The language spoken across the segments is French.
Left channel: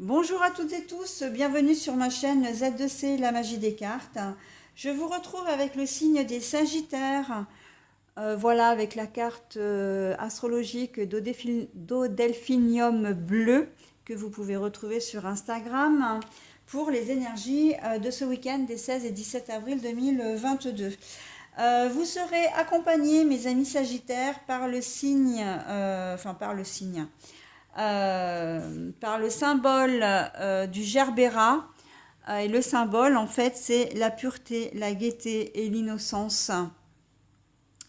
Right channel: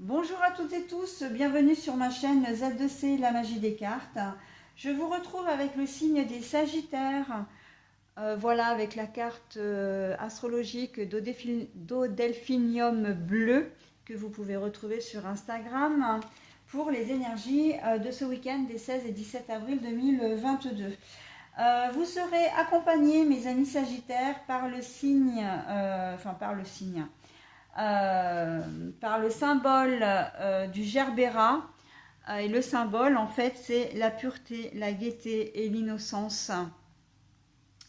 Bonjour à toutes et tous, bienvenue sur ma chaîne Z2C, la magie des cartes. Je vous retrouve avec le signe des Sagittaires. Voilà, avec la carte astrologique d'Odelphinium bleu que vous pouvez retrouver sur Instagram pour les énergies de ce week-end des 16 et 17 avril 2022. Vous serez accompagnés, mes amis Sagittaires, par le signe, par le symbole du gerbera. Et le symbole, en fait, c'est la pureté, la gaieté et l'innocence.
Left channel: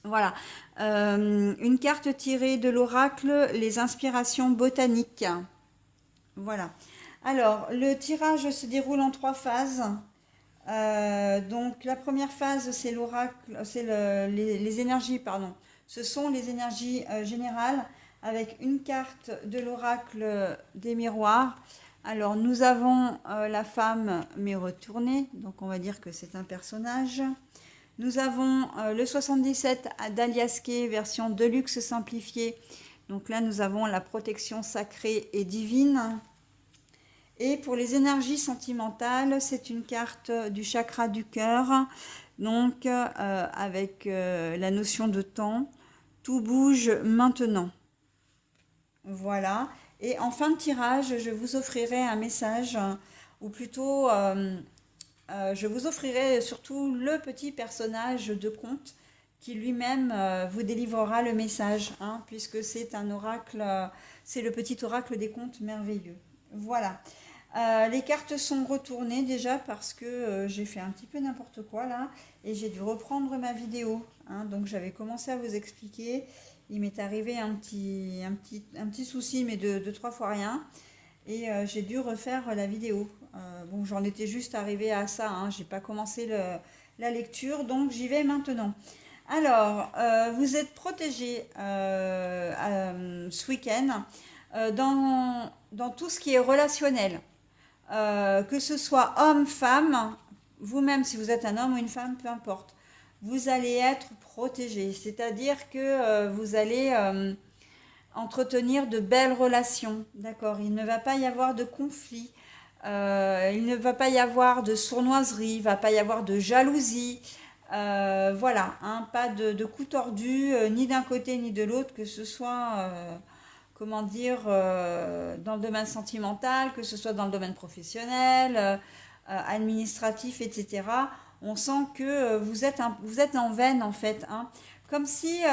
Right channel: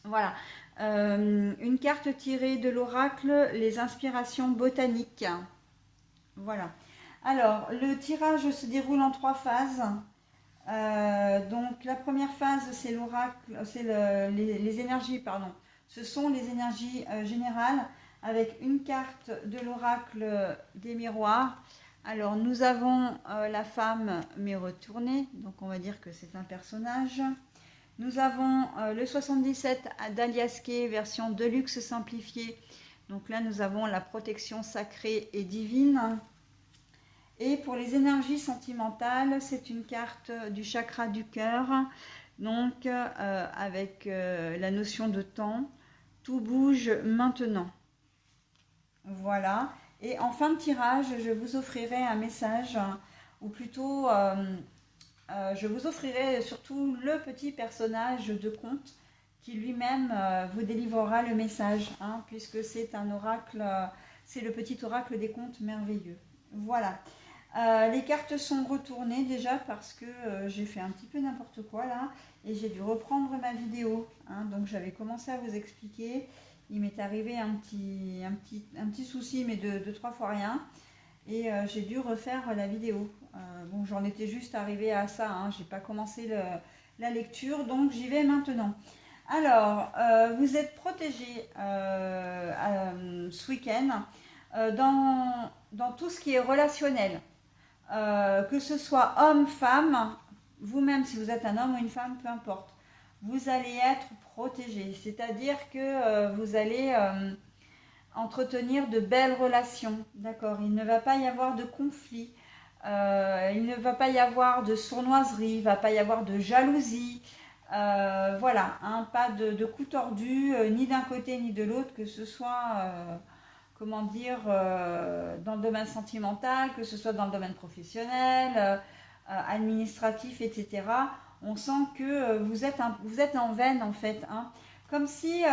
Voilà. Une carte tirée de l'oracle, les inspirations botaniques. Voilà. Alors, le tirage se déroule en trois phases. Donc, la première phase, c'est l'oracle, c'est les énergies, pardon. Ce sont les énergies générales avec une carte de l'oracle des miroirs. Alors, nous avons la femme mais retournée, donc on va dire que c'est un personnage. Nous avons le 77 d'Aliaské, version Deluxe simplifiée. Donc là, nous avons la protection sacrée et divine. Et pour les énergies sentimentales, c'est une carte du chakra du cœur, donc avec la notion de temps. Tout bouge maintenant. Voilà. Et en fin de tirage, je vous offrirai un message, ou plutôt, je vous offrirai surtout le petit personnage de conte qui lui-même vous délivrera le message, hein, puisque c'est un oracle, c'est le petit oracle des contes merveilleux. Voilà. Les cartes sont retournées déjà parce que j'ai fait un petit peu n'importe quoi là et j'ai dû reprendre ma vidéo, hein. Donc j'avais commencé à vous expliquer. Il m'est arrivé un petit souci, mais de trois fois rien. Et j'ai dû refaire la vidéo. Bon, j'en étais juste arrivée à ça, hein. J'ai pas commencé la lecture, donc j'y vais maintenant. Alors, vous êtes protégé ce week-end dans tout ce qui est relationnel. Que ce soit homme, femme, vous-même si vous êtes un homme ou une femme, peu importe, vous allez être protégé. C'est-à-dire que vous allez entretenir de belles relations. D'accord. Il ne va pas y avoir de conflit. Il ne va pas y avoir de sournoiserie. Il ne va pas y avoir de jalousie. Voilà, hein, pas de coups tordus, ni d'un côté ni de l'autre, que ce soit comment dire, dans le domaine sentimental, que ce soit dans le domaine professionnel, administratif, etc. On sent que vous êtes en veine en fait, hein. Comme si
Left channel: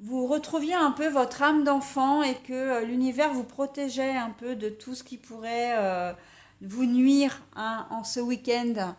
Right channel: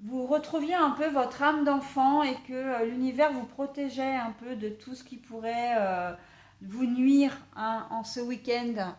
vous retrouviez un peu votre âme d'enfant et que l'univers vous protégeait un peu de tout ce qui pourrait vous nuire, hein, en ce week-end.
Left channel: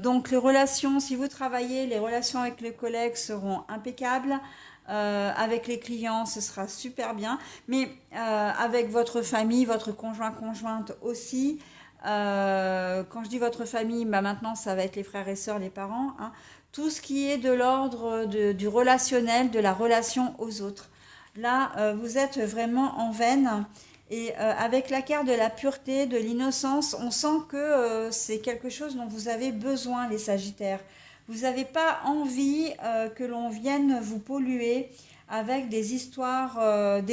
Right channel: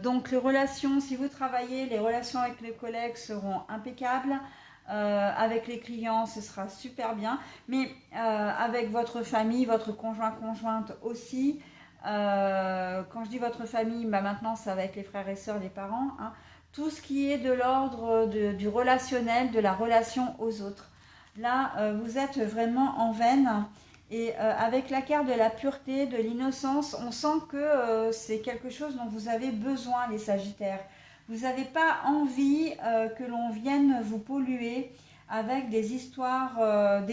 Donc les relations, si vous travaillez, les relations avec les collègues seront impeccables. Avec les clients, ce sera super bien. Mais avec votre famille, votre conjoint, conjointe aussi. Quand je dis votre famille, bah maintenant ça va être les frères et sœurs, les parents, hein. Tout ce qui est de l'ordre du relationnel, de la relation aux autres. Là, vous êtes vraiment en veine. Et avec la carte de la pureté, de l'innocence, on sent que c'est quelque chose dont vous avez besoin, les Sagittaires. Vous n'avez pas envie que l'on vienne vous polluer avec des histoires, avec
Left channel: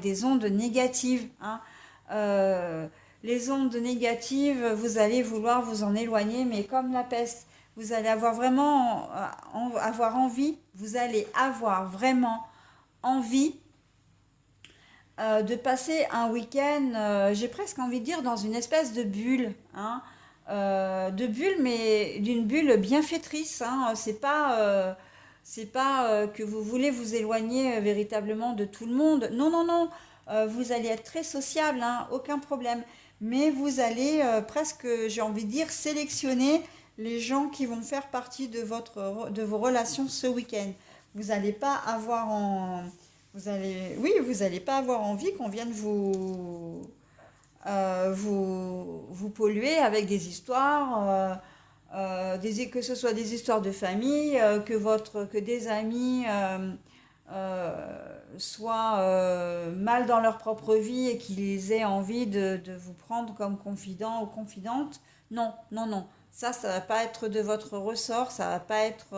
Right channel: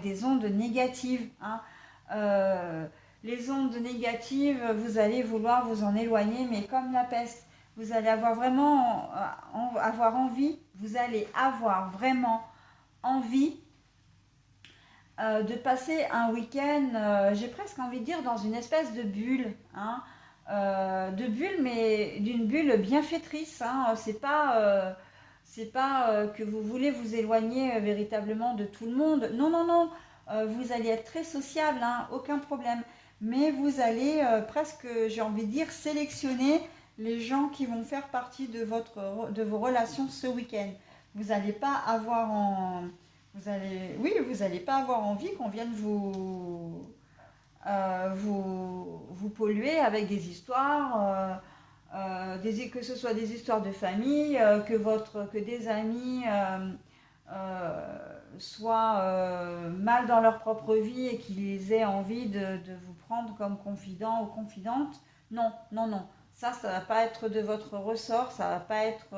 des ondes négatives, hein. Euh, les ondes négatives, vous allez vouloir vous en éloigner, mais comme la peste, vous allez avoir vraiment avoir envie, vous allez avoir vraiment envie de passer un week-end, j'ai presque envie de dire, dans une espèce de bulle, hein. De bulle, mais d'une bulle bienfaitrice, hein. C'est pas que vous voulez vous éloigner véritablement de tout le monde. Non, non, non. Vous allez être très sociable, hein, aucun problème. Mais vous allez presque, j'ai envie de dire, sélectionner les gens qui vont faire partie de vos relations ce week-end. Vous n'allez pas avoir en, oui, vous n'allez pas avoir envie qu'on vienne vous polluer avec des histoires, que ce soit des histoires de famille, que des amis soient mal dans leur propre vie et qu'ils aient envie de vous prendre comme confident ou confidente. Non, non, non. Ça va pas être de votre ressort, ça va pas être,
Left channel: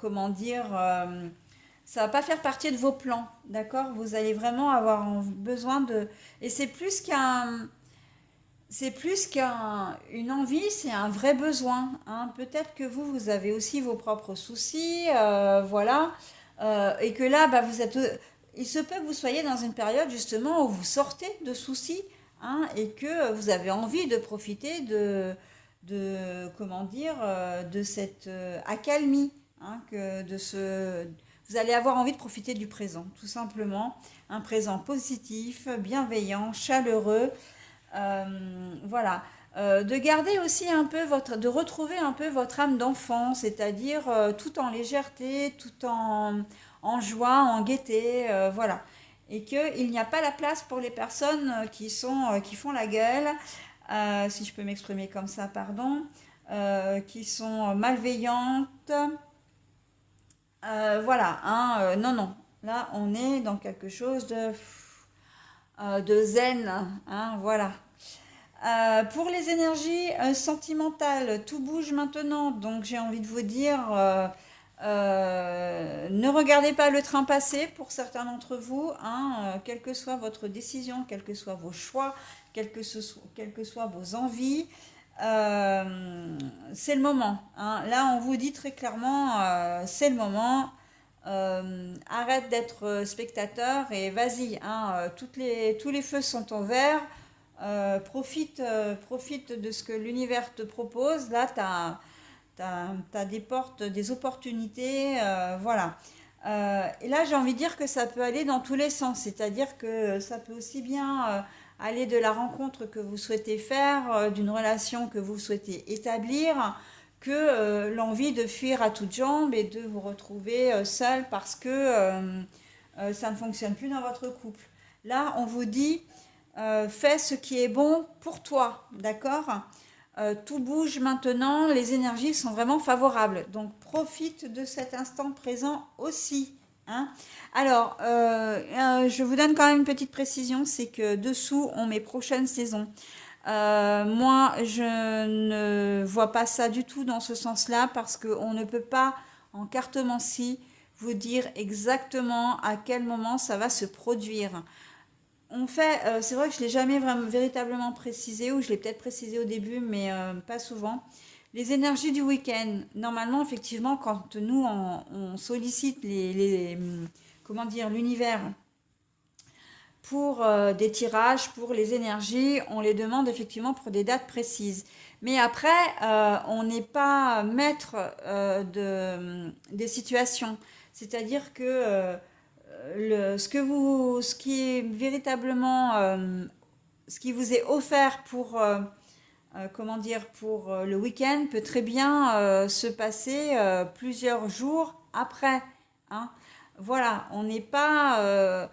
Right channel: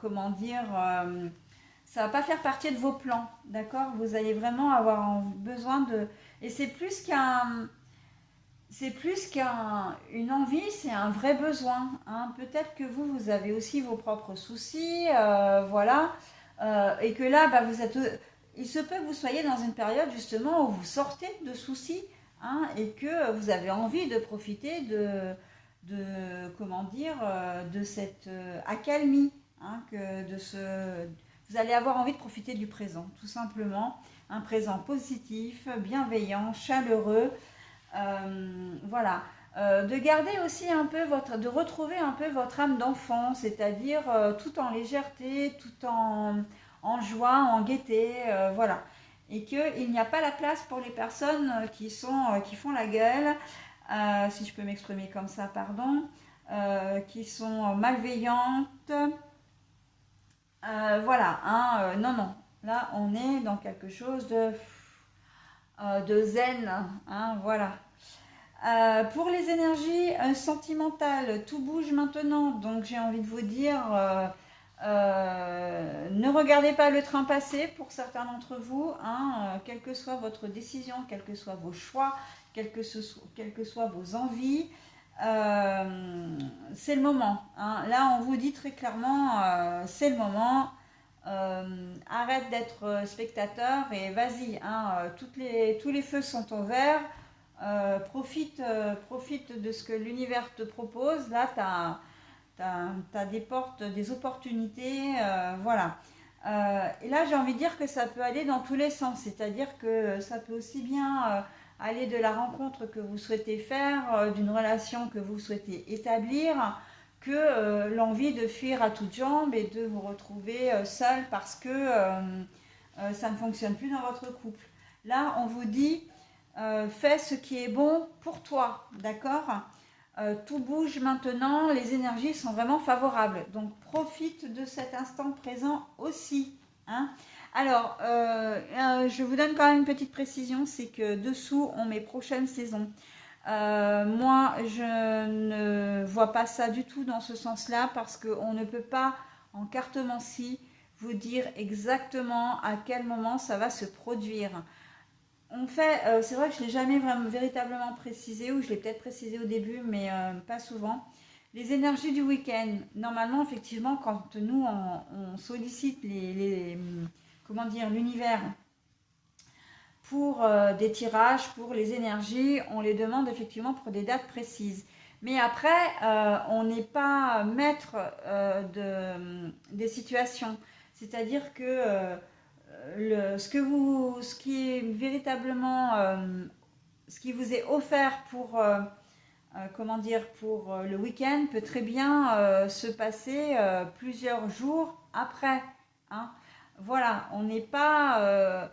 comment dire, ça va pas faire partie de vos plans, d'accord? Vous allez vraiment avoir besoin de... Et c'est plus qu'une envie, c'est un vrai besoin, hein. Peut-être que vous avez aussi vos propres soucis, voilà. Et que là, bah, il se peut que vous soyez dans une période justement où vous sortez de soucis, hein, et que vous avez envie de profiter comment dire, de cette accalmie, hein, vous allez avoir envie de profiter du présent, tout simplement. Un présent positif, bienveillant, chaleureux, voilà. De garder aussi un peu de retrouver un peu votre âme d'enfant, c'est-à-dire tout en légèreté, en joie, en gaieté, voilà. Et qu'il n'y a pas la place pour les personnes qui font la gueule, si je peux m'exprimer comme ça, pardon, qui sont malveillantes. Voilà, hein, non, non. Là, on est dans quelque chose de zen, hein, voilà. Pour les énergies sentimentales, tout bouge maintenant. Donc j'ai envie de vous dire, ne regardez pas le train passer pour certains d'entre vous, hein, quelle que soit votre décision, quels que soient vos choix, quelles que soient vos envies. C'est le moment, hein. Là, on vous dit très clairement, c'est le moment. Arrête d'être spectateur et vas-y, hein, tous les feux sont au vert. Profite de ce que l'univers te propose. Là, tu as des portes, des opportunités. Voilà. Et là, j'ai envie de dire que ça peut aller dans tous les sens. C'est-à-dire que ça peut aussi bien aller de la rencontre que vous souhaitez faire, d'une relation que vous souhaitez établir, que l'envie de fuir à toutes jambes et de vous retrouver seul parce que ça ne fonctionne plus dans votre couple. Là, on vous dit fais ce qui est bon pour toi, d'accord? Tout bouge maintenant, les énergies sont vraiment favorables. Donc profite de cet instant présent aussi, hein. Alors, je vous donne quand même une petite précision, c'est que dessous, on met prochaine saison. Moi, je ne vois pas ça du tout dans ce sens-là parce qu'on ne peut pas, en cartomancie, vous dire exactement à quel moment ça va se produire. C'est vrai que je ne l'ai jamais vraiment, véritablement précisé, ou je l'ai peut-être précisé au début, mais pas souvent. Les énergies du week-end. Normalement, effectivement, quand nous, on sollicite comment dire, l'univers pour des tirages, pour les énergies, on les demande effectivement pour des dates précises. Mais après, on n'est pas maître des situations. C'est-à-dire que ce qui est véritablement, ce qui vous est offert pour, comment dire, pour le week-end peut très bien se passer plusieurs jours après, hein. Voilà, on n'est pas...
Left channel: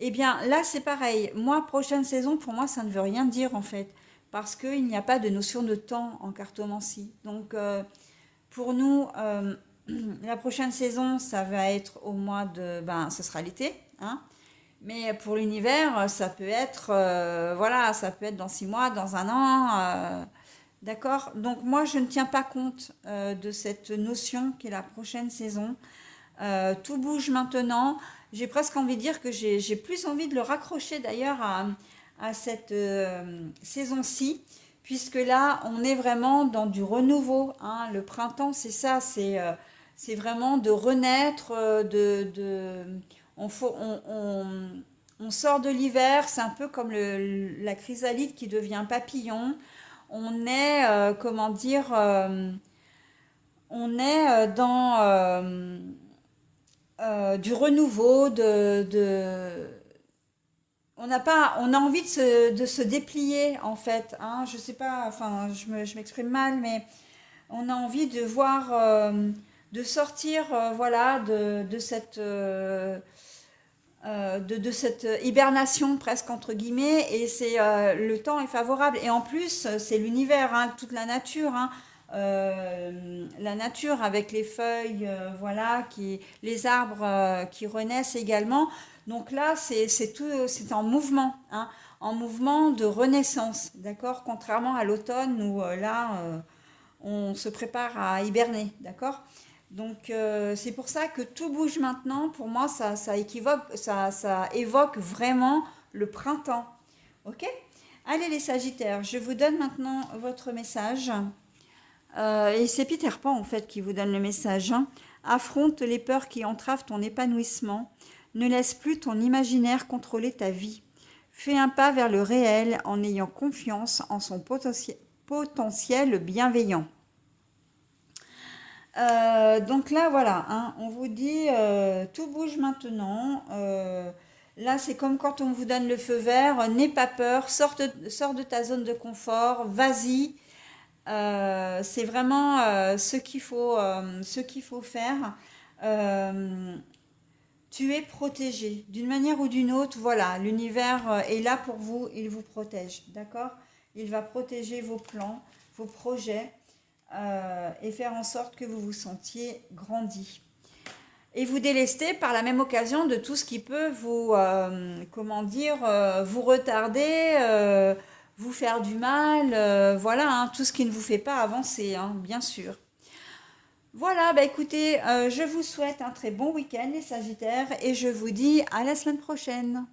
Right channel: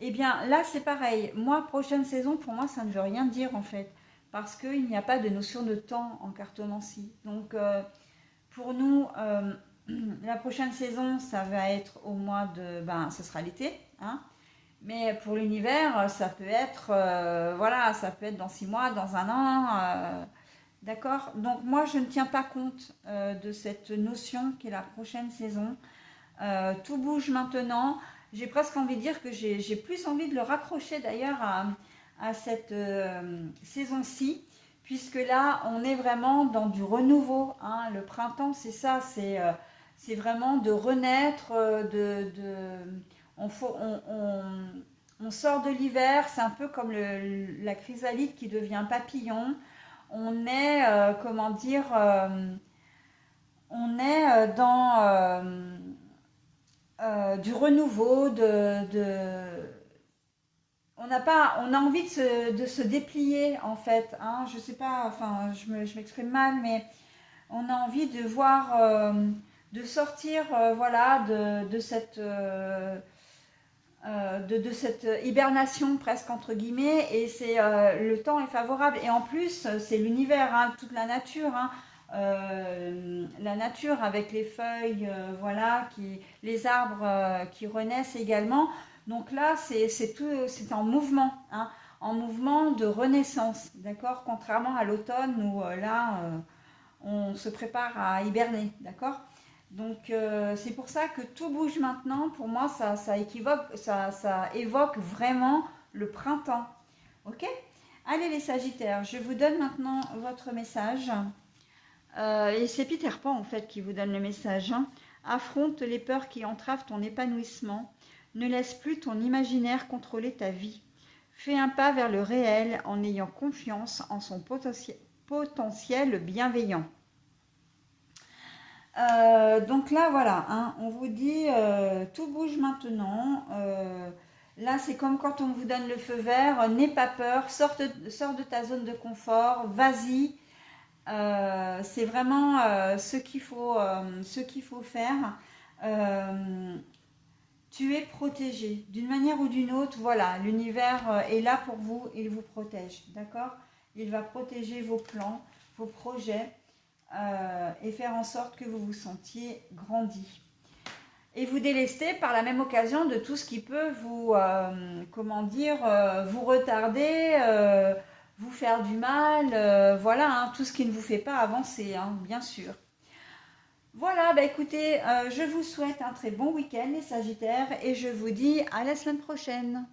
eh bien, là, c'est pareil. Moi, prochaine saison, pour moi, ça ne veut rien dire, en fait. Parce qu'il n'y a pas de notion de temps en cartomancie. Donc, pour nous, la prochaine saison, ça va être au mois de... Ben, ce sera l'été, hein. Mais pour l'univers, ça peut être... voilà, ça peut être dans 6 mois, dans un an. D'accord? Donc, moi, je ne tiens pas compte de cette notion qui est la prochaine saison. Tout bouge maintenant. J'ai presque envie de dire que j'ai plus envie de le raccrocher d'ailleurs à cette saison-ci, puisque là, on est vraiment dans du renouveau, hein. Le printemps, c'est ça, c'est vraiment de renaître, on, faut- on sort de l'hiver, c'est un peu comme la chrysalide qui devient papillon. On est, comment dire, on est du renouveau, on a envie de se déplier en fait, hein. Je sais pas, enfin, je m'exprime mal, mais on a envie de voir, de sortir, voilà, de cette hibernation presque entre guillemets, et le temps est favorable, et en plus c'est l'univers, hein, toute la nature, hein. La nature avec les feuilles, voilà, les arbres qui renaissent également. Donc là, c'est en mouvement, hein, en mouvement de renaissance, d'accord? Contrairement à l'automne où là, on se prépare à hiberner, d'accord? Donc, c'est pour ça que tout bouge maintenant. Pour moi, ça évoque vraiment le printemps. Ok? Allez les Sagittaires, je vous donne maintenant votre message. Et c'est Peter Pan en fait qui vous donne le message, hein. Affronte les peurs qui entravent ton épanouissement. Ne laisse plus ton imaginaire contrôler ta vie. Fais un pas vers le réel en ayant confiance en son potentiel bienveillant. Donc là, voilà, hein, on vous dit tout bouge maintenant. Là, c'est comme quand on vous donne le feu vert. N'aie pas peur, sors de ta zone de confort, vas-y. C'est vraiment ce qu'il faut faire. Euh, Tu es protégé d'une manière ou d'une autre. Voilà, l'univers est là pour vous, il vous protège, d'accord? Il va protéger vos plans, vos projets et faire en sorte que vous vous sentiez grandi. Et vous délester par la même occasion de tout ce qui peut vous, comment dire, vous retarder, vous faire du mal, voilà, hein, tout ce qui ne vous fait pas avancer, hein, bien sûr. Voilà, bah écoutez, je vous souhaite un très bon week-end les Sagittaires et je vous dis à la semaine prochaine.